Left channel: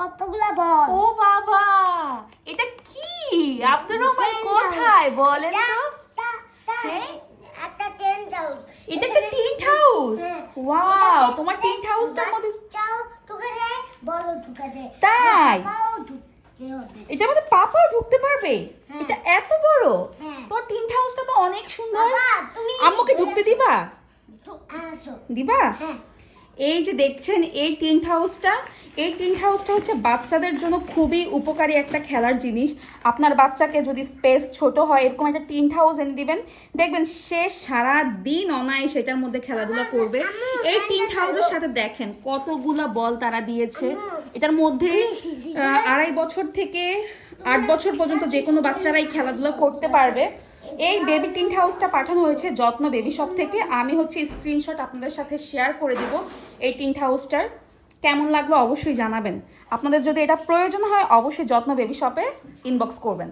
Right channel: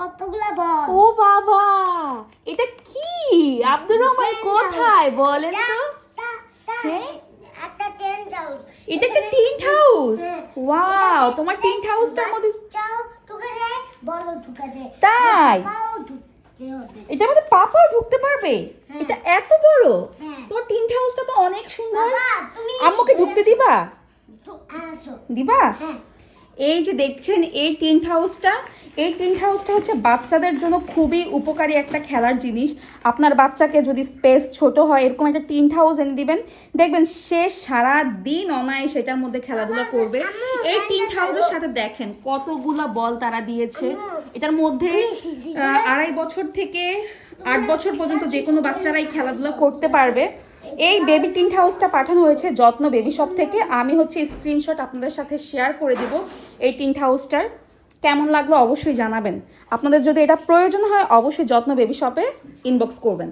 কতগুলা বল। ও বাবা, এটা কি? আব্দুর রহমান কোথায় বলেন তো? হ্যাঁ, একটা টেন্ট হাউস। এটা একটা টিন্ট হাউস। ওয়াও, তোমার টিন্ট হাউসটার মধ্যে চাও ঢুকে যায়, বলও ঢুকে যায়। তাই? পাও ঢুকতে হবে। এটার মধ্যে পাপাও ঢুকতে পারবে? হ্যাঁ। এটা এত বড়? হ্যাঁ। তোর টিন্ট হাউসটা তো অনেক সুন্দর। বাবা, তুমি আম্মুকে ঢুকতে দিবা? আসো। দিবা? হ্যাঁ। এই যে দেখছেন এই টেন্ট হাউসটা, এই টেন্ট হাউসটা হচ্ছে বাচ্চাদের জন্য খুবই উপকারী একটা খেলার জিনিস। আপনার বাচ্চাকে যদি স্পেস ছোট হয়, এরকম একটা টেন্ট হাউস এনে দিবেন, দেখবেন সে সারা দিন অনায়াসে সেটার মধ্যে খেলাধুলা করবে। এই টেন্ট হাউসের সাথে দেখেন কতগুলা বল তারা দিয়েছে। এটার মধ্যে 2.5 বছর থেকে 8 বছর পর্যন্ত যে কোনো বাচ্চারাই খেলাধুলা করতে পারবে। এই বেবি টিন্ট হাউসটা পাঠানো হয়েছে যত্ন বেবি শপ থেকে। আমি হচ্ছে স্ক্রিনশট আপনাদের সাথে শেয়ার করে দিব এই টিন্ট হাউসটার। কেমন লাগলো অবশ্যই জানাবেন। আপনাদের যদি এটা প্রয়োজন হয় অবশ্যই যত্ন বেবি শপে ইনবক্স করবেন।